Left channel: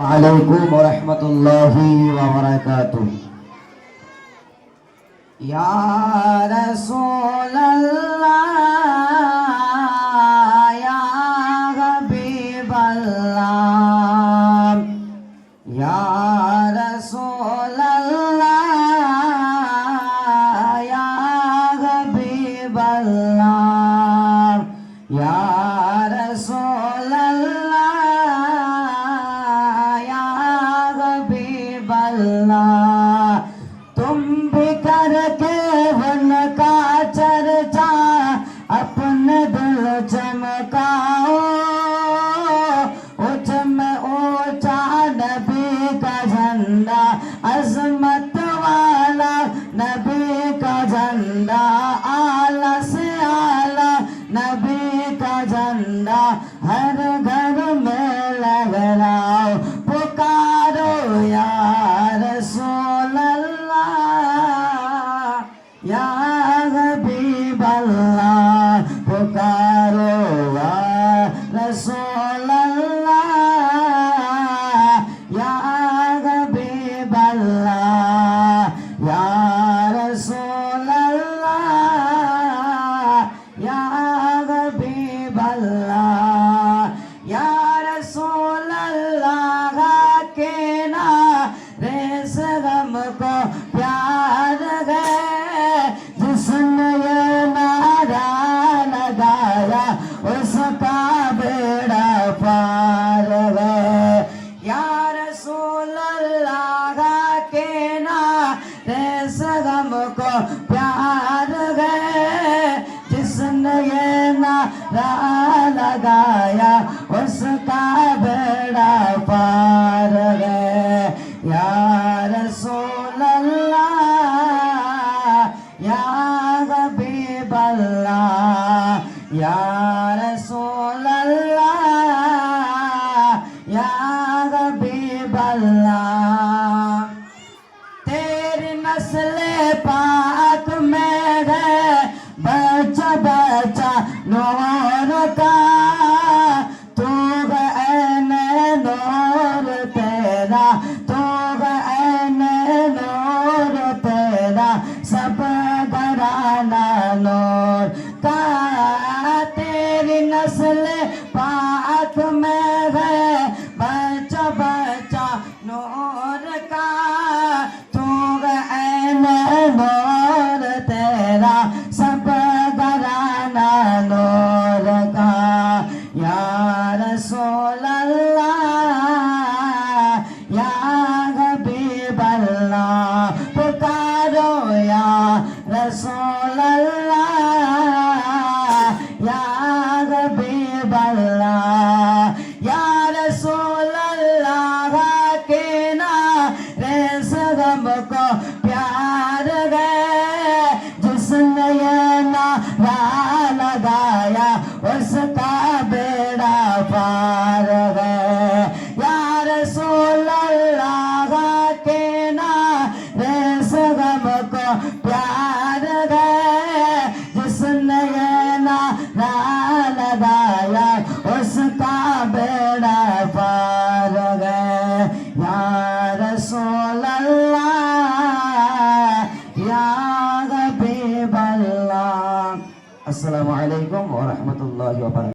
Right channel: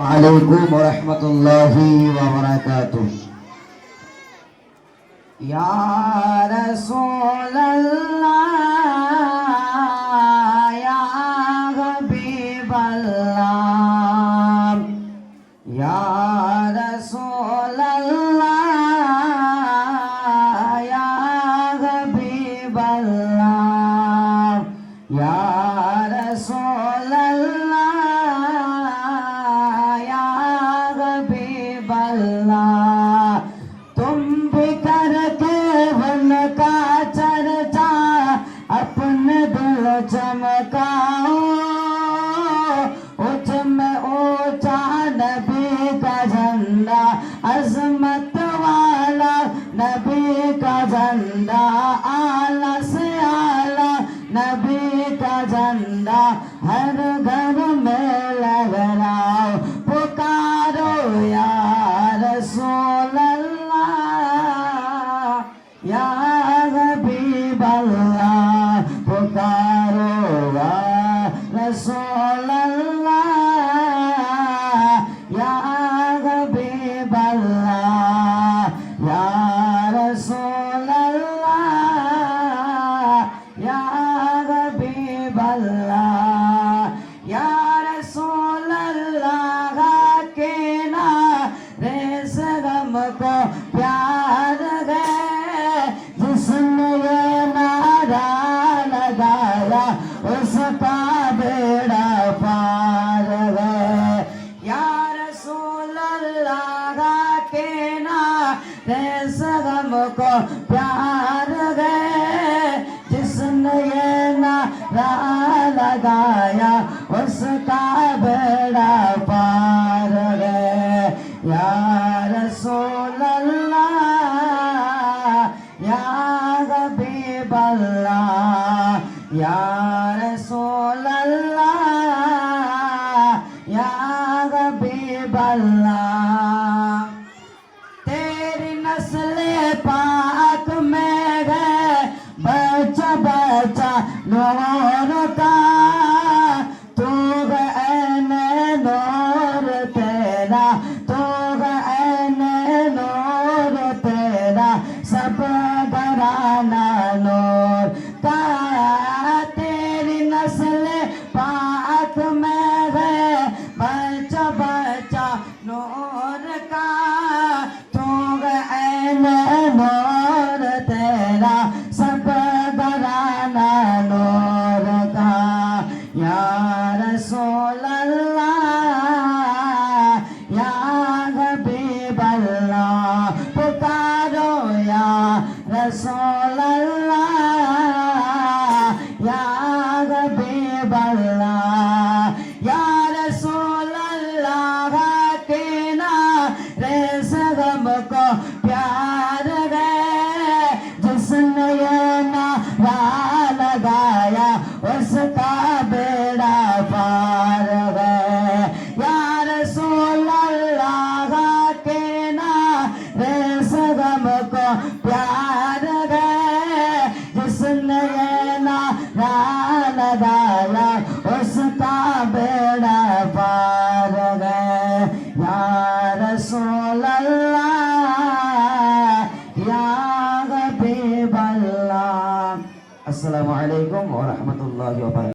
Waalaikum warahmatullahi wabarakatuh. Ya Rasulullah, ya Habiballah, ya Rasulullah, ya Habiballah, ya Rasulullah, ya Habiballah. तुम भी करके उनका चर्चा अपने दिल चमकाओ, ऊंच में ऊंचा नबी का झंडा, अजमत वाला नबी का झंडा, आला से आला नबी का झंडा हर घर में लहराओ, पुकारो या रसूल या हबीबल्लाह, पुकारो या रसूलल्लाह, या हबीबल्लाह, या रसूलल्लाह, या हबीबल्लाह, या रसूलल्लाह के नारे से हमको प्यार है, जिसने ये नारा लगाया उसका बेड़ा पार है। या रसूल अल्लाह के नारे से हमको प्यार है, जिसने ये नारा लगाया उसका बेड़ा पार है। या रसूल अल्लाह, या हबीबल्लाह, या रसूलल्लाह, या हबीबल्लाह।